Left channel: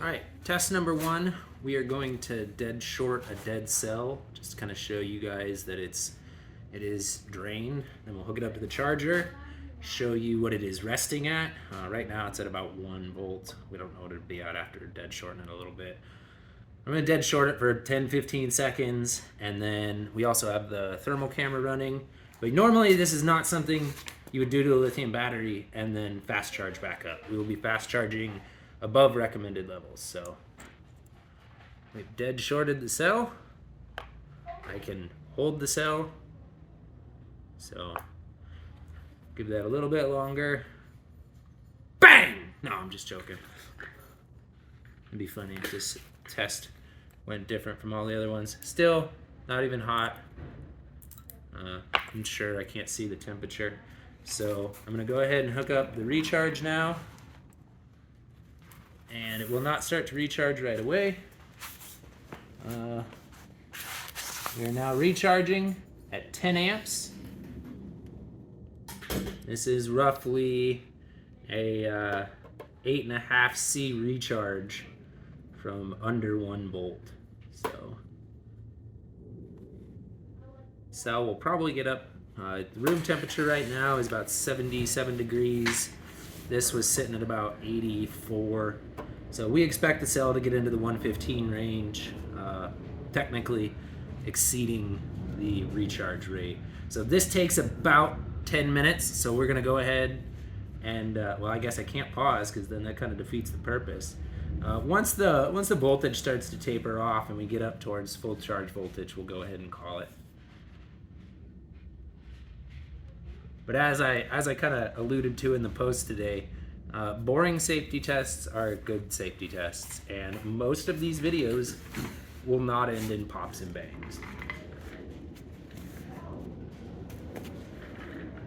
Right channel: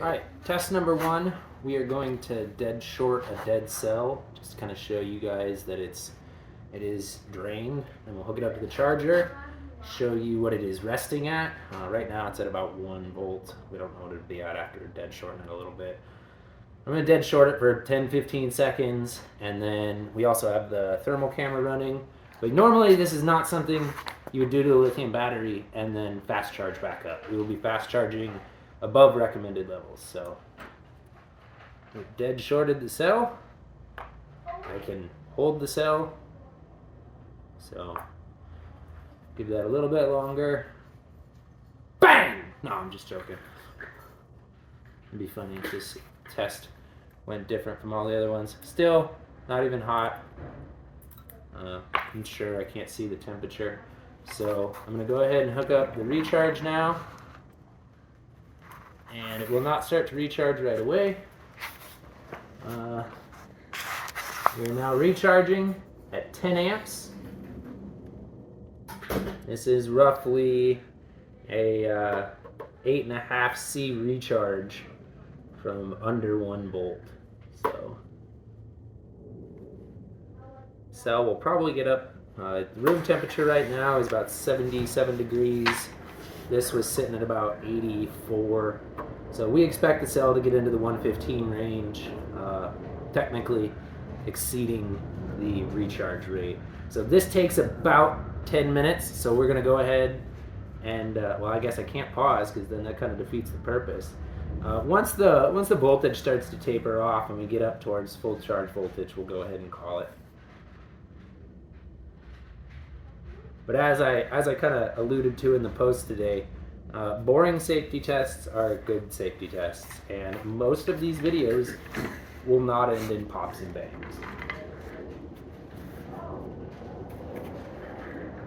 All right, test number 1. We are going to dead short a dead cell, just to kind of show you guys that it is drained. Then we'll hook it up to the charger, show you what it is resting at. Right now it's at about 1 volt. We don't know what it'll be at after dead shorting it a little bit. I'm going to dead short it for 10-15 seconds, and then we also have the thermal camera running. But normally this is not something you would do to a lithium battery and then fast charge back up. We will be fast charging above recommended levels. So we've dead shorted the cell. I can hold the cell. So give that a little bit longer. Bang! No, I'm just joking. It'd be funny if this test went different from all the other ones. Still not even hot. I'm sure I can't see the temperature. So I'm gonna go ahead and hook up the recharge now. And it will not start to recharge right away. We're now recharging at 10 amps. This is roughly a 8.5 C recharge from under 1 volt. So cell will probably get up. Room temperature right now is about 77 degrees. This was sitting at about 84. So we expect the cell to get into the 115 range, technically exceeding the recharge rate. So this takes about 10 minutes. So we're gonna go ahead and, well, I guess I can't pause because then that kind of defeats the purpose. Once the voltage starts to taper off and we get up towards full charge voltage, we'll go ahead and call it. But as I kind of alluded to in the post today, boring safety tests are good safety tests, and most of these videos will not end in pops and bangs.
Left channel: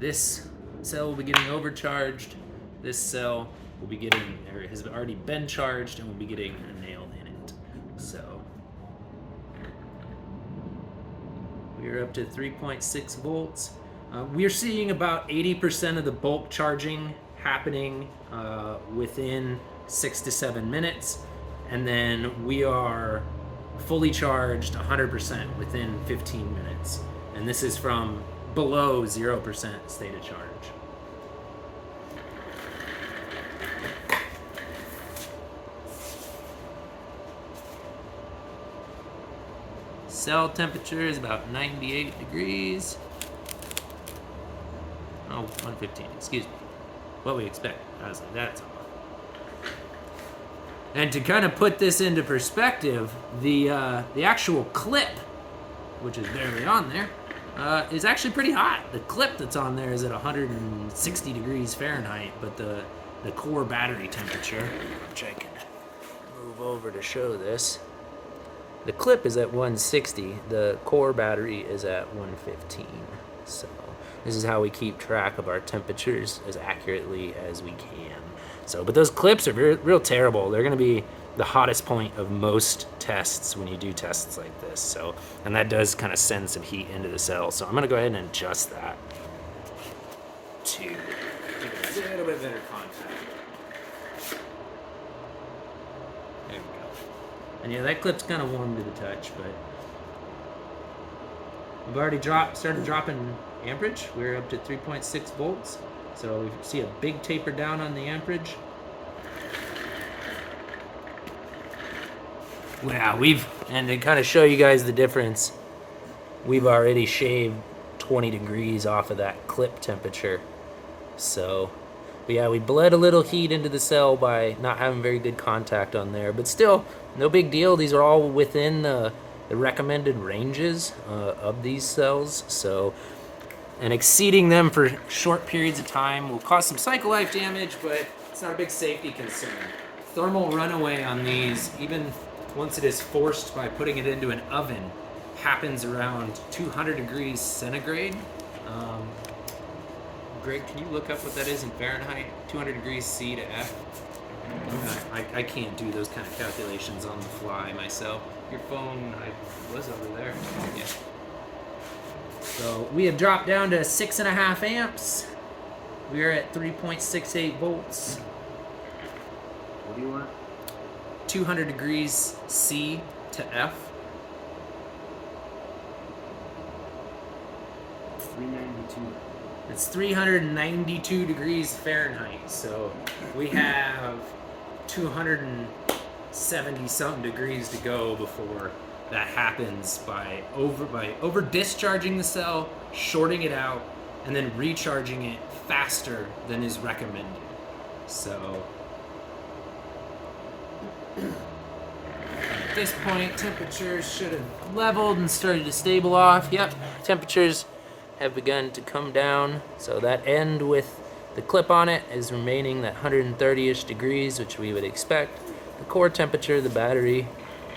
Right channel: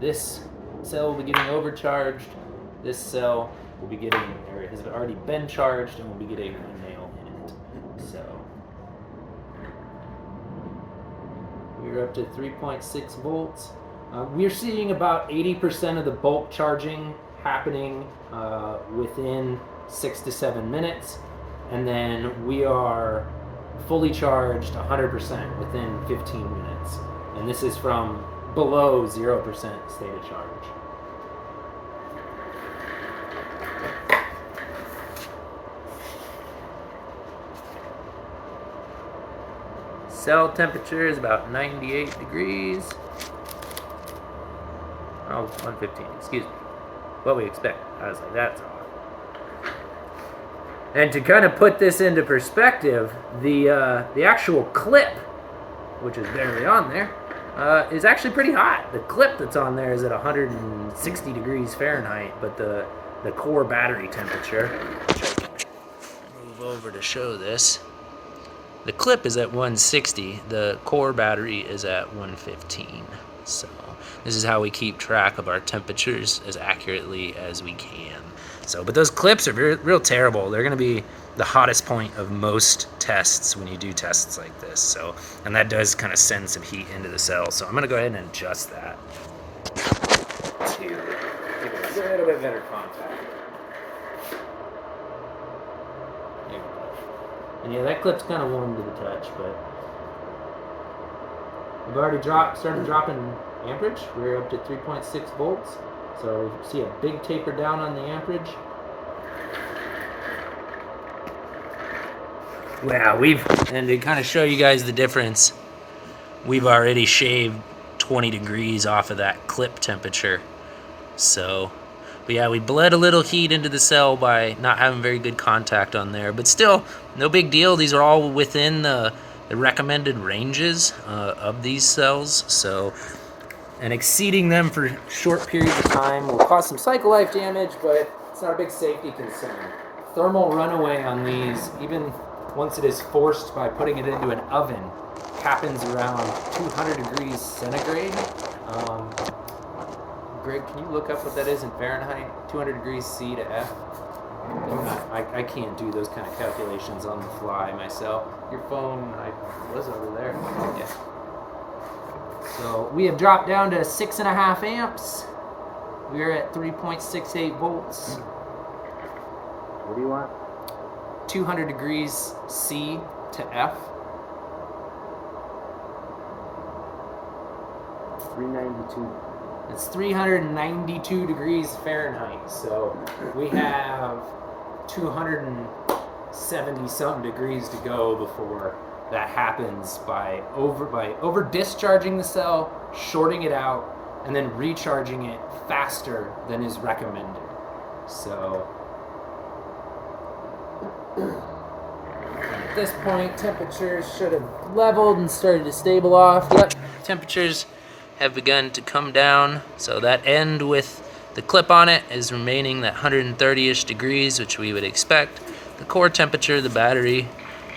This cell will be getting overcharged. This cell will be getting, or has already been charged, and will be getting a nail in it. So we're up to 3.6 volts. We're seeing about 80% of the bulk charging happening within 6 to 7 minutes, and then we are fully charged 100% within 15 minutes. And this is from below 0% state of charge. Cell temperature is about 98 degrees. Oh, 115, excuse me. What we expect. I was like, that's hot. And to kind of put this into perspective, the actual clip, which is barely on there, is actually pretty hot. The clip that's on there is at 160 degrees Fahrenheit, but the core battery temperature, which I can move over to show this, the clip is at 160, the core battery is at 115. So this is how we keep track of our temperatures as accurately as we can. So, but those clips are real terrible. They're gonna be the hottest point of most tests when you do tests like this. So, and that does kind of send some heat into the cell. So I'm gonna go ahead and adjust that to give it a little bit better contact. There we go. And yeah, that clip's kind of warm to the touch, but we've already started dropping amperage. We're up to 3.6 volts. So we see a big taper down on the amperage. Wow, and to kind of show you guys the difference, we've already shaved 20 degrees off of that clip temperature. So, but yeah, we bled a little heat into the cell by not having very good contact on there, but still, no big deal. These are all within the recommended ranges of these cells. So, and exceeding them for short periods of time will cause some cycle life damage, but it's not a big safety concern. Thermal runaway on these, even once it is forced by putting it into an oven, happens around 200 degrees centigrade. Greg, can you look up what that is in Fahrenheit? 200 degrees C to F? I can't do those kind of calculations on the fly myself. Your phone, I was over there. Yeah. So we have dropped down to 6.5 amps. We're at 3.68 volts. What do you want? 200 degrees C to F. 392. It's 392 degrees Fahrenheit. So we have 270 something degrees to go before that happens by over discharging the cell, shorting it out, and then recharging it faster than is recommended. So at this point, temperatures should have leveled and started to stable off. Yep, temperatures have begun to come down. So that end with the clip on it is remaining that 130-ish degrees, which we would expect. The core temperature of the battery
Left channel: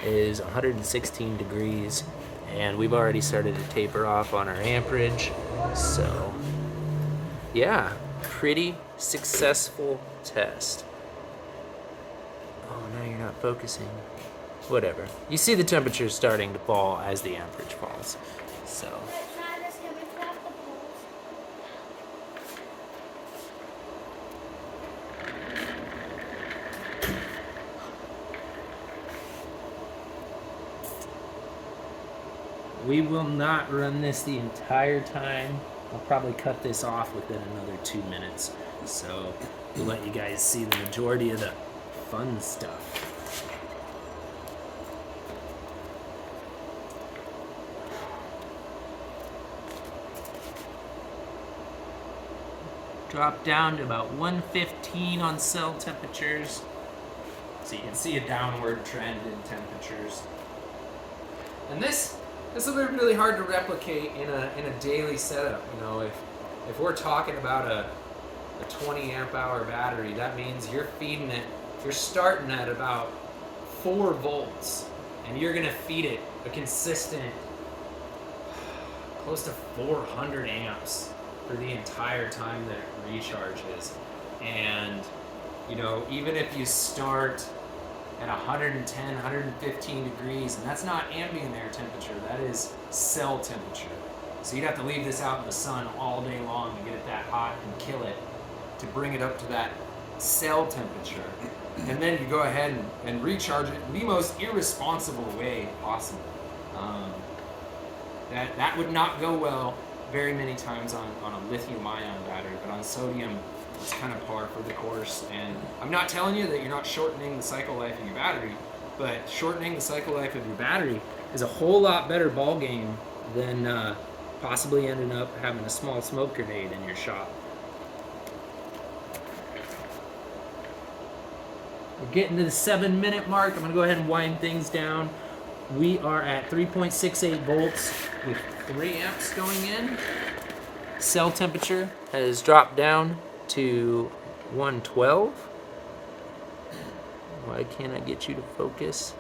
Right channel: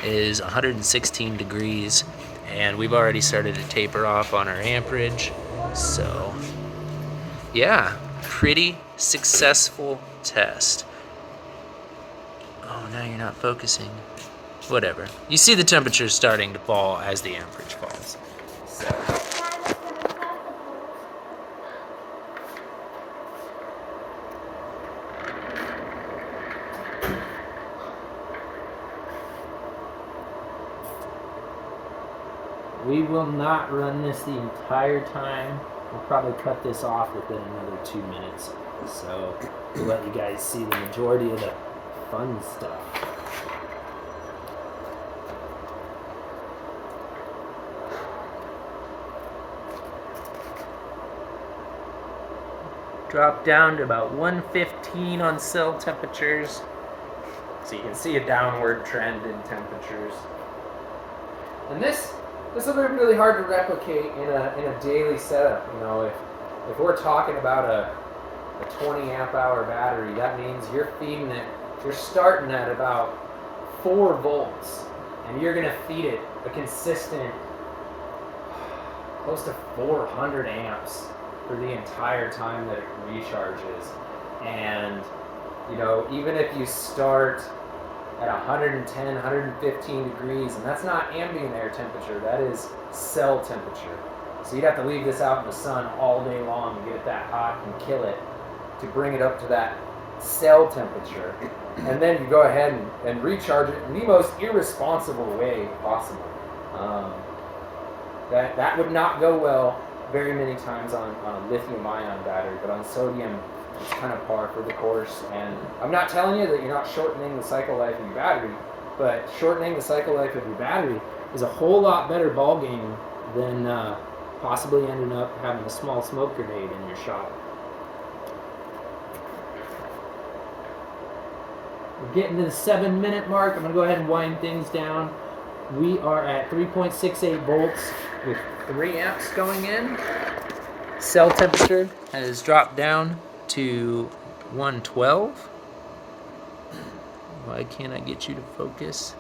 is 116 degrees, and we've already started to taper off on our amperage. So yeah, pretty successful test. Oh, now you're not focusing. Whatever. You see the temperature starting to fall as the amperage falls. So we will not run this the entire time. We'll probably cut this off within another 2 minutes. So we'll let you guys see the majority of the fun stuff. Drop down to about 115 on cell temperatures. So you can see a downward trend in temperatures. And this will be really hard to replicate in a daily setup. You know, if we're talking about a 20 amp hour battery, that means you're feeding it, you're starting at about 4 volts, and you're gonna feed it a consistent close to 400 amps for the entire time that it recharges. And you know, even if you start at 110, 115 degrees, and that's not ambient air temperature, that is cell temperature. So you'd have to leave this out in the sun all day long and get it that hot and kill it to bring it up to that cell temperature. And then you go ahead and recharge it in the most irresponsible way possible. That would not go well very many times on a lithium ion battery, but on sodium, it's kind of par for the course. And I'm not telling you that you're not shortening the cycle life of your battery, but shortening the cycle life of your battery is a whole lot better ball game than possibly ending up having a small smoke grenade in your shop. We're getting to the 7-minute mark. I'm gonna go ahead and wind things down. We are at 3.68 volts with 3 amps going in. Cell temperature has dropped down to 112. Why can't I get you to focus?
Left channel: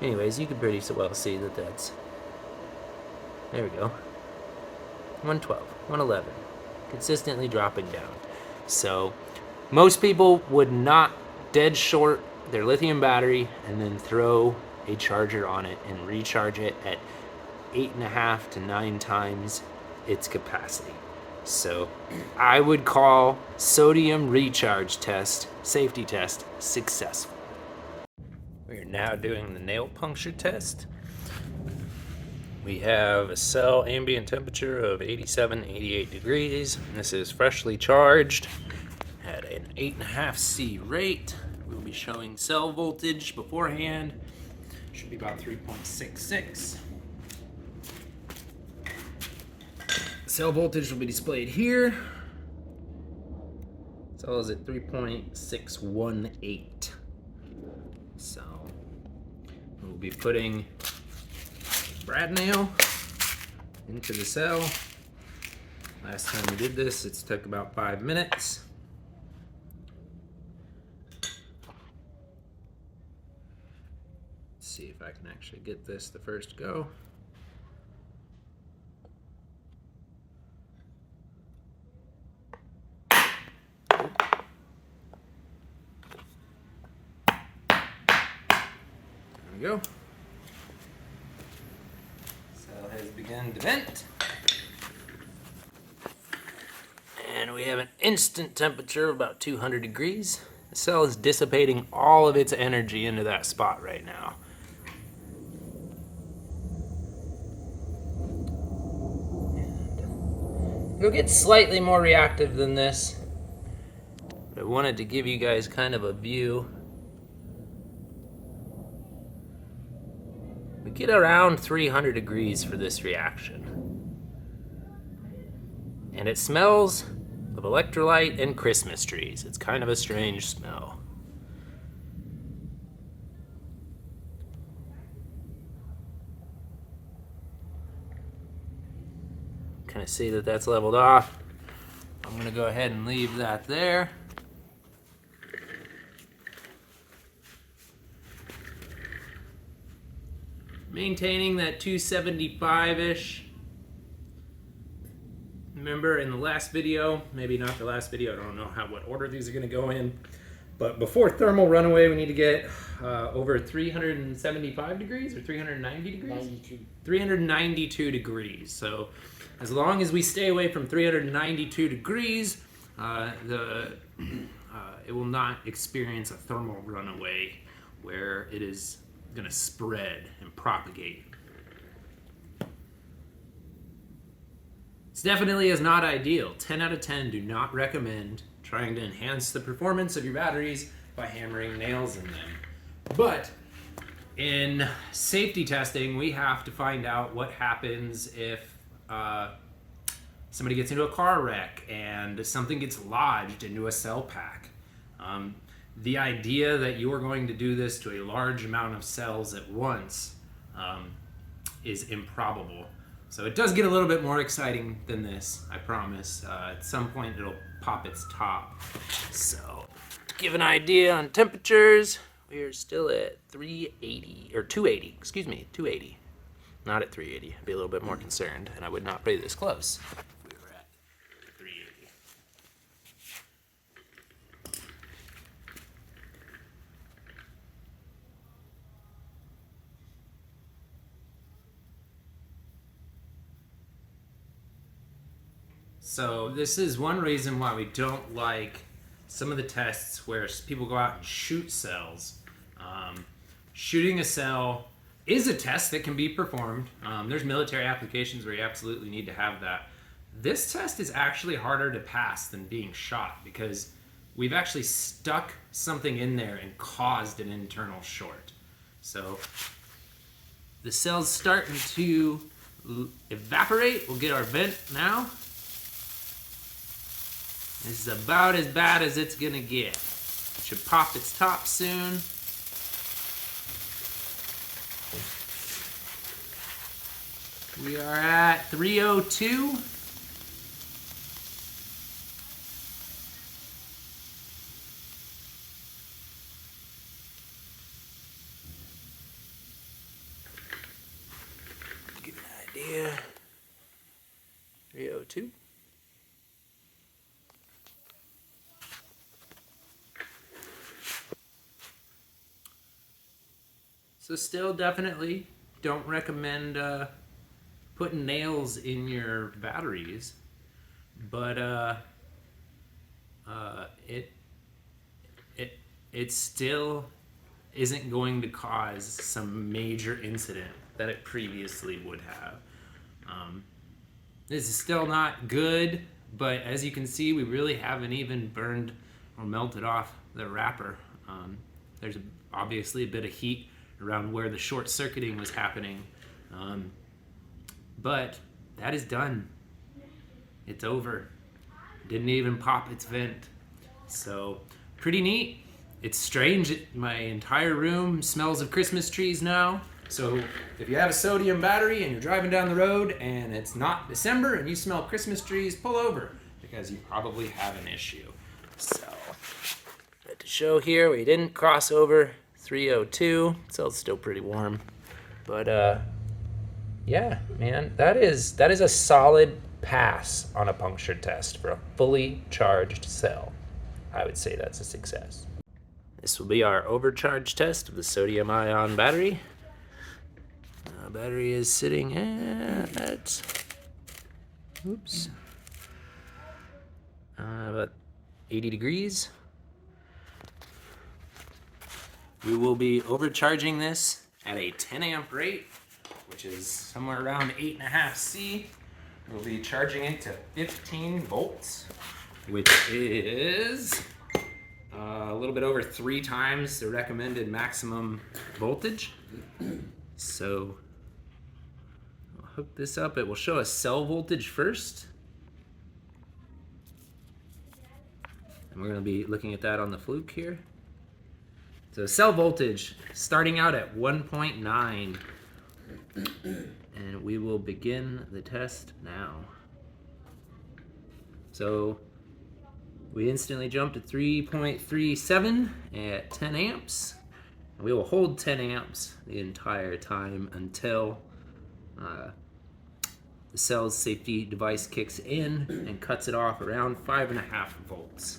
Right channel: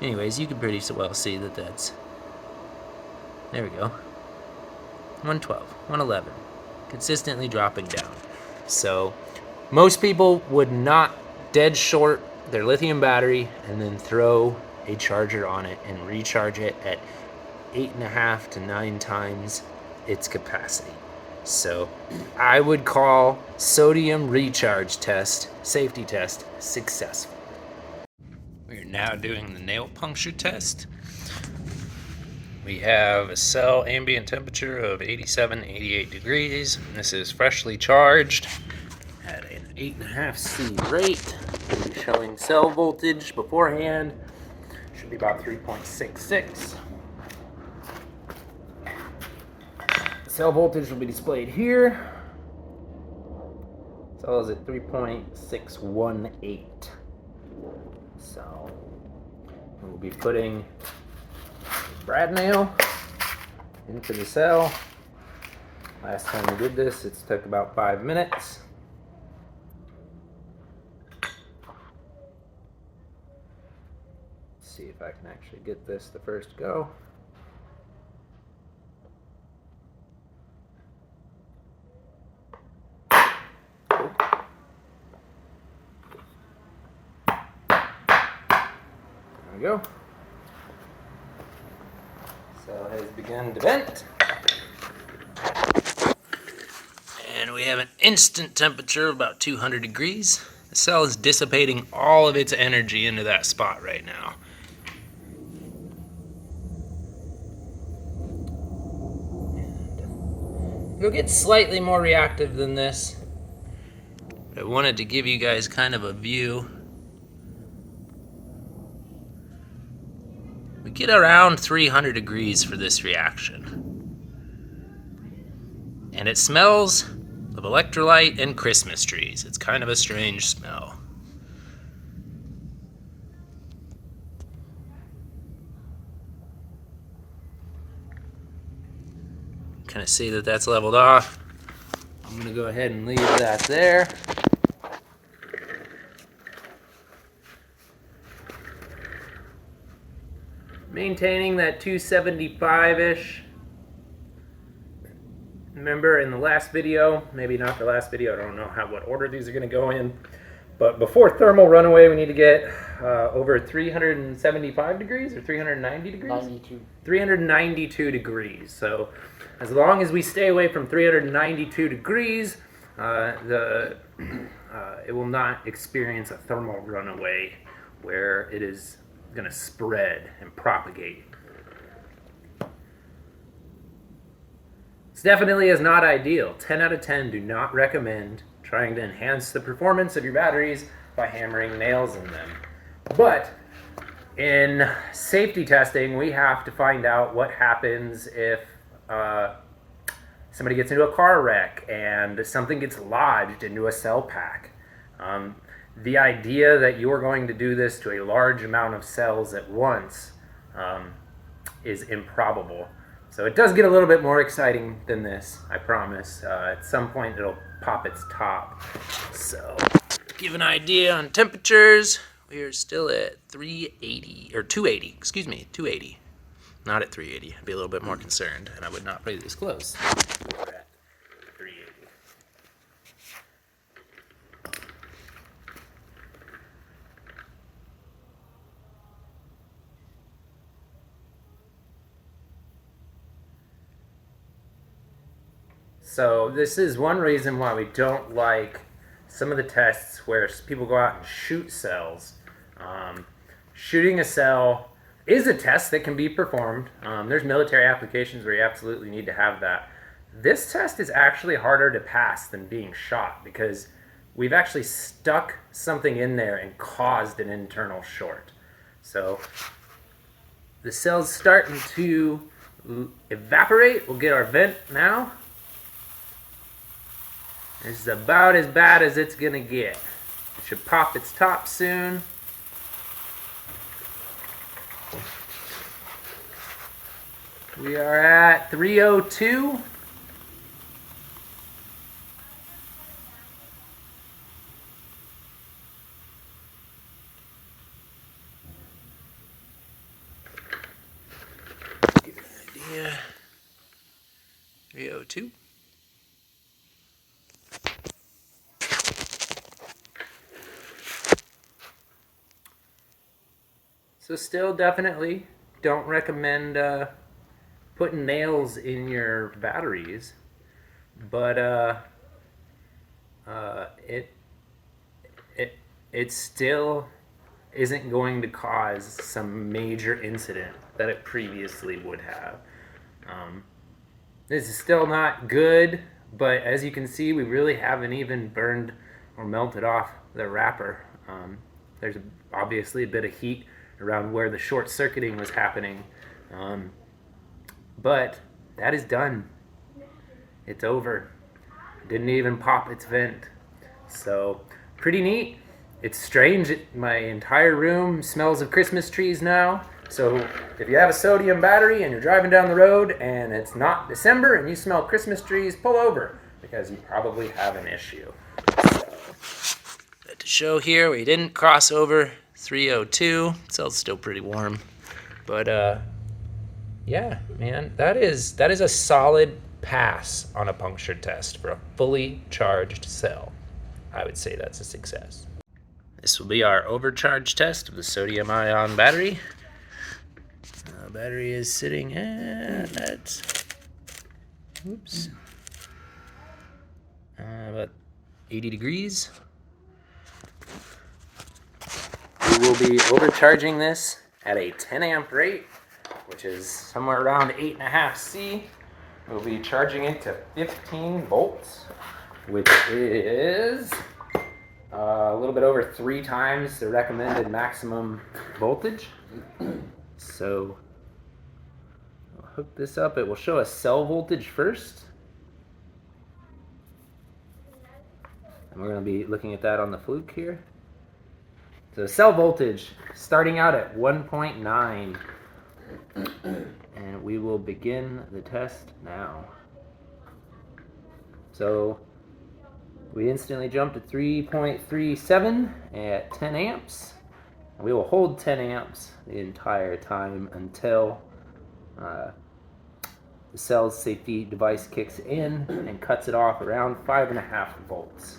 Anyways, you can pretty well see that that's, there we go, 112, 111, consistently dropping down. So most people would not dead short their lithium battery and then throw a charger on it and recharge it at 8.5 to 9 times its capacity. So I would call sodium recharge test, safety test, successful. We are now doing the nail puncture test. We have a cell ambient temperature of 87, 88 degrees. This is freshly charged at an 8.5 C rate. We'll be showing cell voltage beforehand. Should be about 3.66. Cell voltage will be displayed here. Cell is at 3.618. So we'll be putting a brad nail into the cell. Last time we did this, it took about 5 minutes. Let's see if I can actually get this the first go. There we go. Cell has begun to vent. And we have an instant temperature of about 200 degrees. The cell is dissipating all of its energy into that spot right now. It'll get slightly more reactive than this. I wanted to give you guys kind of a view. We get around 300 degrees for this reaction. And it smells of electrolyte and Christmas trees. It's kind of a strange smell. Kind of see that that's leveled off. I'm gonna go ahead and leave that there. Maintaining that 275-ish. Remember in the last video, maybe not the last video, I don't know what order these are gonna go in, but before thermal runaway, we need to get over 375 degrees or 390 degrees? 92. 392 degrees. So as long as we stay away from 392 degrees, it will not experience a thermal runaway where it is going to spread and propagate. This definitely is not ideal. 10 out of 10 do not recommend trying to enhance the performance of your batteries by hammering nails in them. But in safety testing, we have to find out what happens if somebody gets into a car wreck and something gets lodged into a cell pack. The idea that you're going to do this to a large amount of cells at once is improbable. So it does get a little bit more exciting than this, I promise. At some point it'll pop its top. So, give an idea on temperatures. We are still at 380, or 280, excuse me, 280. Not at 380, I'd be a little bit more concerned, and I would not play this close. We're at 380. So this is one reason why we don't like some of the tests where people go out and shoot cells. Shooting a cell is a test that can be performed. There's military applications where you absolutely need to have that. This test is actually harder to pass than being shot because we've actually stuck something in there and caused an internal short. So the cell's starting to evaporate. We'll get our vent now. This is about as bad as it's gonna get. It should pop its top soon. We are at 302. Give you an idea. 302. So still definitely don't recommend putting nails in your batteries, but it still isn't going to cause some major incident that it previously would have. This is still not good, but as you can see, we really haven't even burned or melted off the wrapper. There's obviously a bit of heat around where the short circuiting was happening. But that is done. It's over. Didn't even pop its vent. So pretty neat. It's strange. My entire room smells of Christmas trees now. So if you have a sodium battery and you're driving down the road and it's not December and you smell Christmas trees, pull over because you probably have an issue. So, to show here, we didn't cross over 302. Cell's still pretty warm, but yeah, man, that is a solid pass on a puncture test for a fully charged cell. I would say that's a success. This will be our overcharge test of the sodium ion battery. Battery is sitting at about 80 degrees. will be overcharging this at a 10 amp rate, which is somewhere around 8.5 C. We'll be charging it to 15 volts, which is a little bit over 3 times the recommended maximum voltage. So I'll hook this up. It will show us cell voltage first. And we're going to be looking at that on the fluke here. So cell voltage starting out at 1.9. And we will begin the test now. So we instantly jumped to 3.37 at 10 amps. And we will hold 10 amps the entire time until the cell's safety device kicks in and cuts it off around 5.5 volts.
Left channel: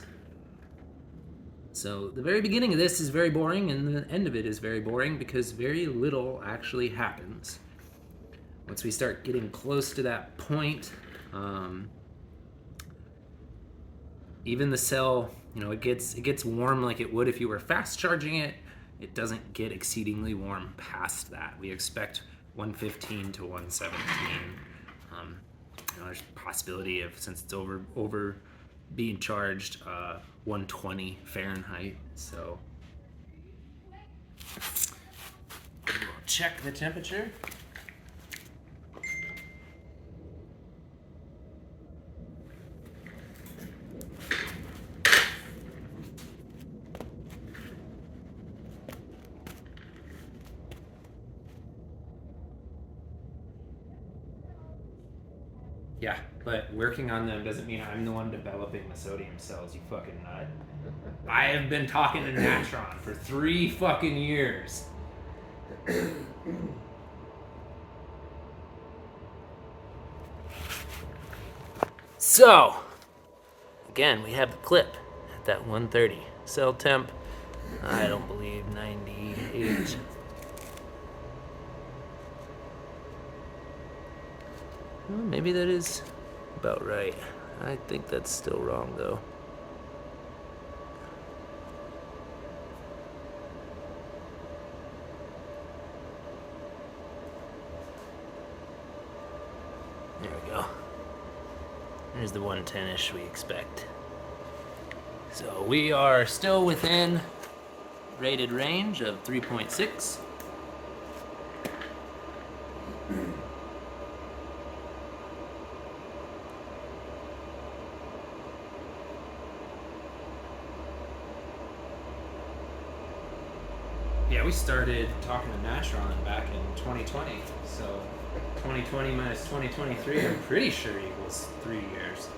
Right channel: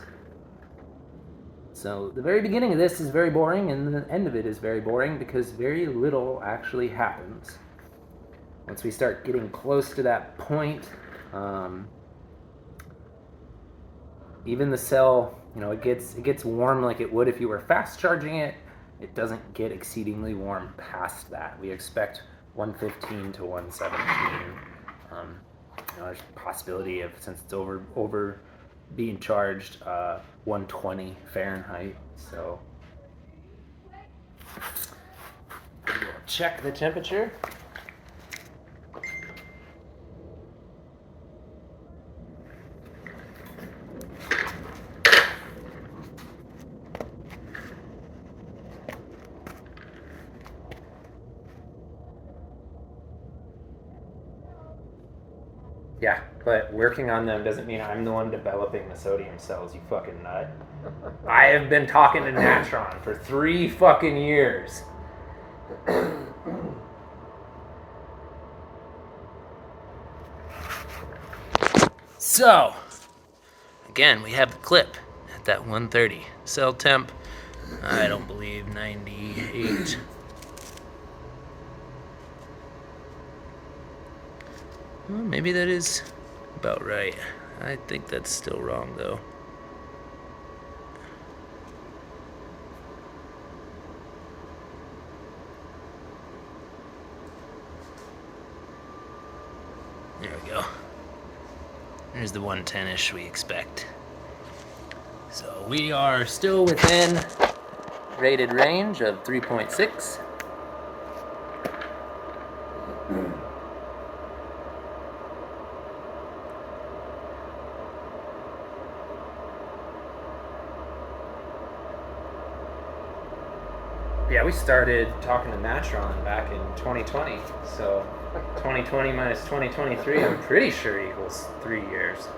So the very beginning of this is very boring, and the end of it is very boring because very little actually happens. Once we start getting close to that point, even the cell, it gets warm like it would if you were fast charging it. It doesn't get exceedingly warm past that. We expect 115 to 117. There's a possibility of, since it's over being charged, 120 Fahrenheit. So we'll check the temperature. Yeah, but working on them doesn't mean I'm the one developing the sodium cells, you fucking nut. I have been talking to Natron for 3 fucking years. So, again, we have the clip at that 130. Cell temp, I don't believe 98. Well, maybe that is about right. I think that's still wrong, though. There we go. There's the 110-ish we expect. So we are still within rated range of 3.6. Yeah, we started talking to Natron back in 2020, so 2020 minus 2023, I'm pretty sure equals 3 years.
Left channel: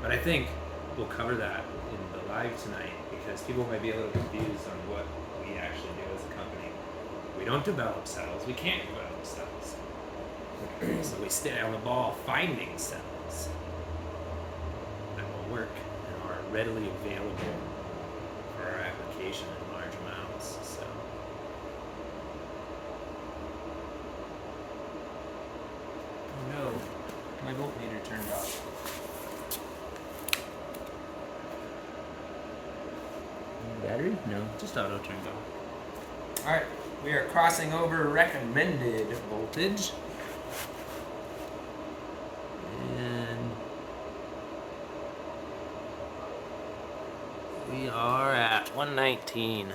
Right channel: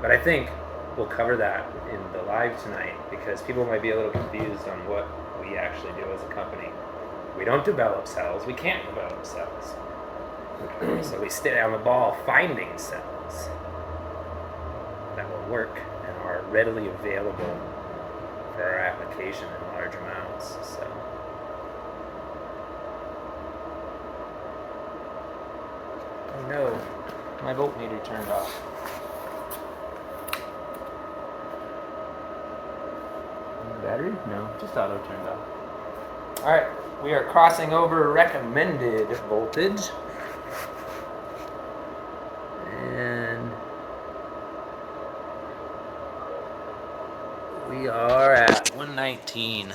But I think we'll cover that in the live tonight because people might be a little confused on what we actually do as a company. We don't develop cells, we can't develop cells. So we stay on the ball finding cells that will work and are readily available for our application in large amounts. So oh no, my voltmeter turned off. Battery? No, just auto turned off. Alright, we are crossing over recommended voltage. And we are at 119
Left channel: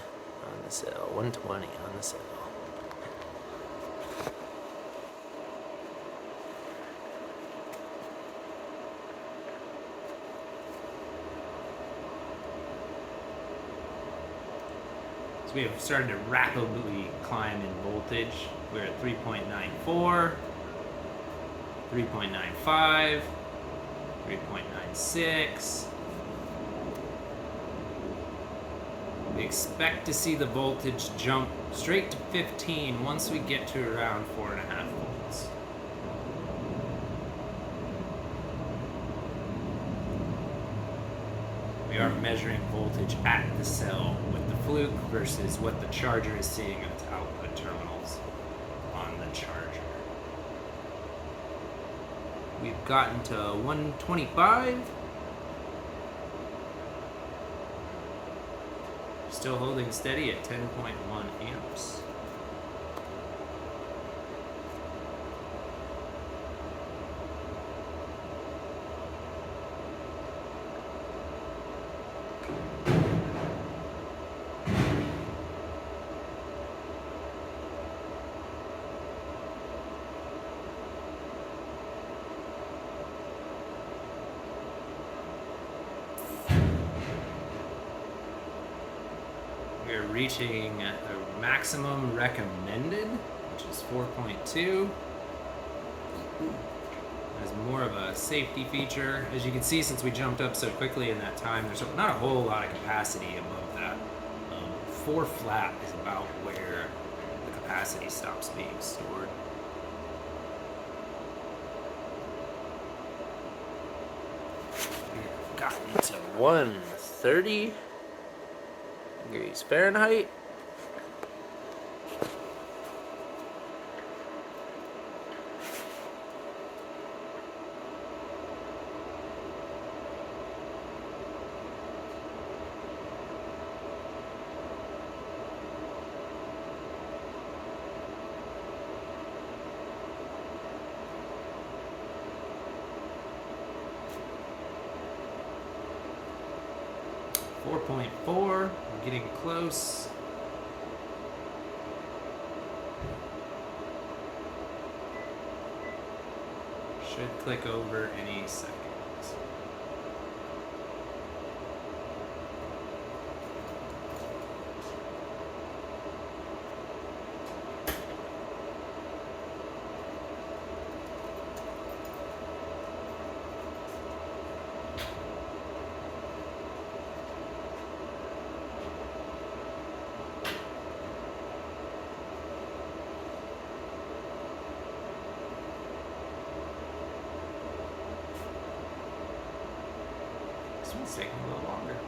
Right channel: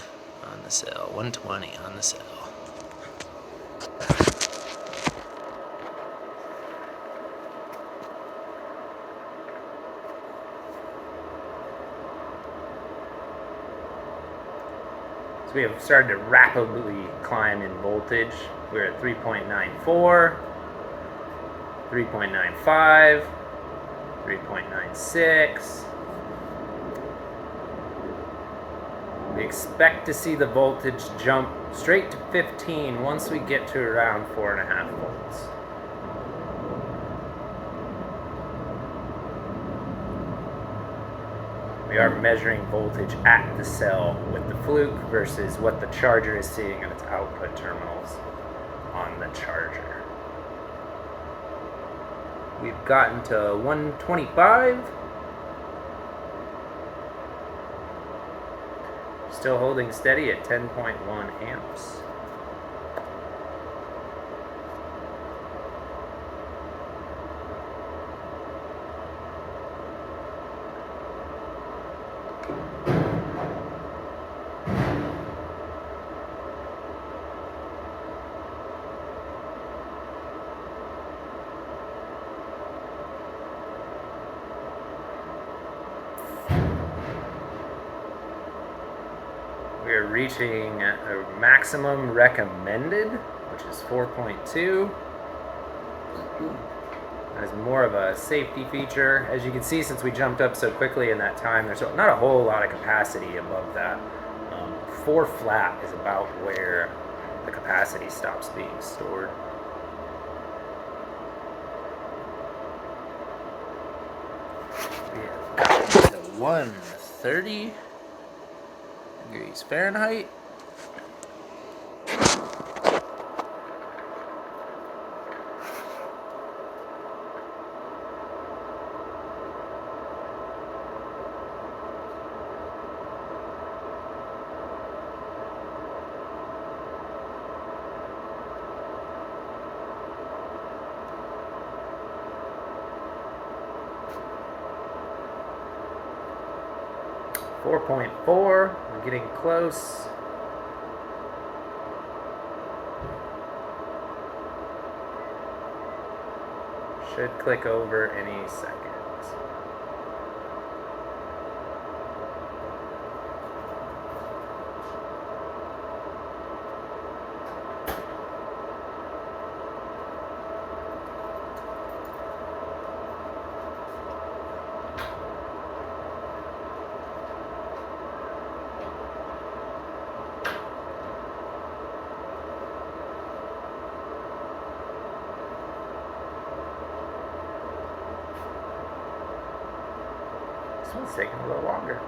on the cell, 120 on the cell. So we have started to rapidly climb in voltage. We're at 3.94, 3.95, 3.96. We expect to see the voltage jump straight to 15 once we get to around 4.5 volts. We are measuring voltage at the cell with the fluke versus what the charger is seeing in its output terminals on the charger. We've gotten to 125. Still holding steady at 10.1 amps. We're reaching a maximum recommended, which is 4.2. As more of a safety feature. As you can see, since we jumped up so quickly in that time, there's not a whole lot of capacity above that. 4 flat is about where the capacity stops being stored. To 130 degrees Fahrenheit. .4, we're getting close. Should click over any second. This one's taking a little longer.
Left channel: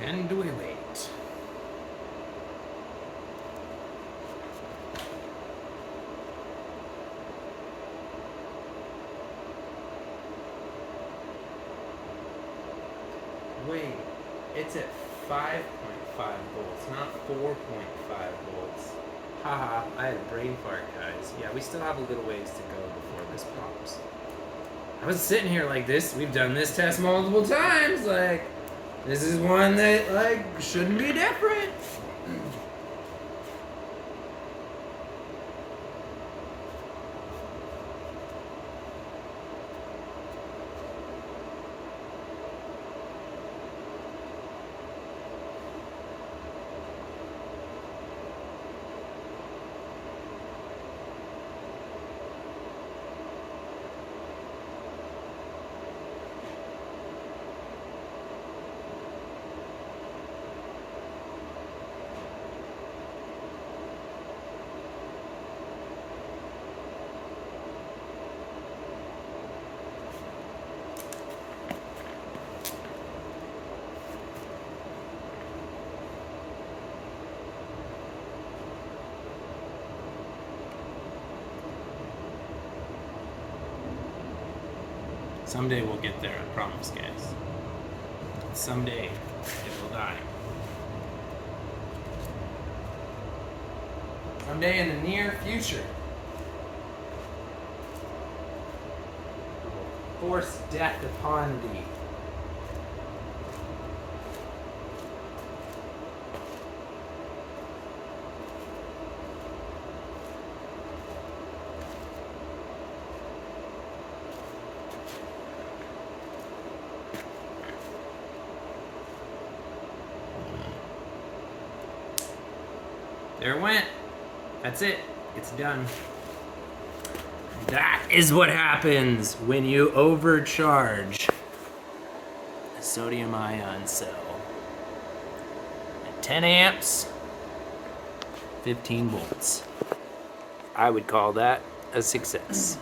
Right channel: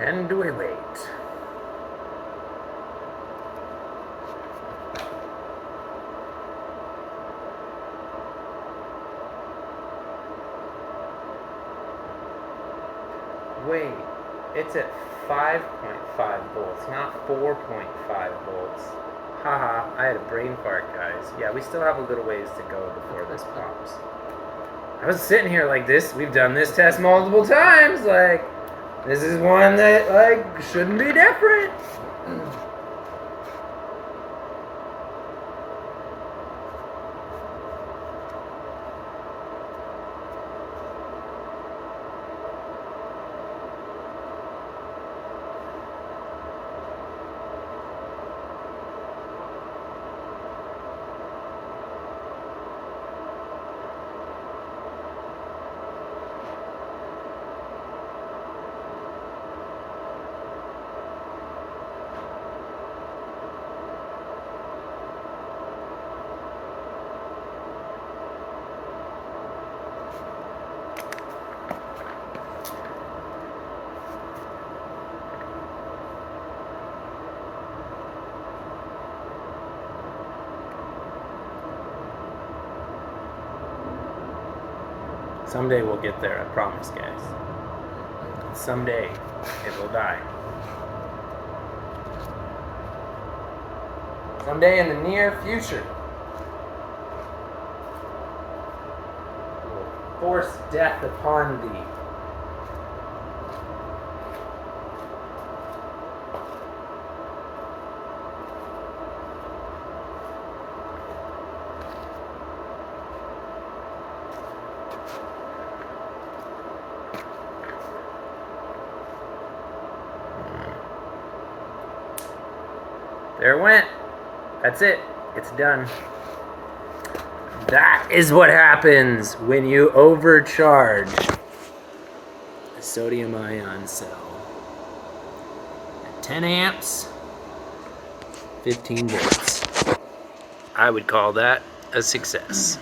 And we wait. Wait, it's at 5.5 volts, not 4.5 volts. Haha, I had a brain fart, guys. Yeah, we still have a little ways to go before this pops. I was sitting here like this. We've done this test multiple times. Like, this is one that, like, shouldn't be different. Someday we'll get there, I promise, guys. Someday it will die. Someday in the near future. Will force death upon thee. There it went. That's it. It's done. That is what happens when you overcharge a sodium ion cell. At 10 amps, 15 volts. I would call that a success.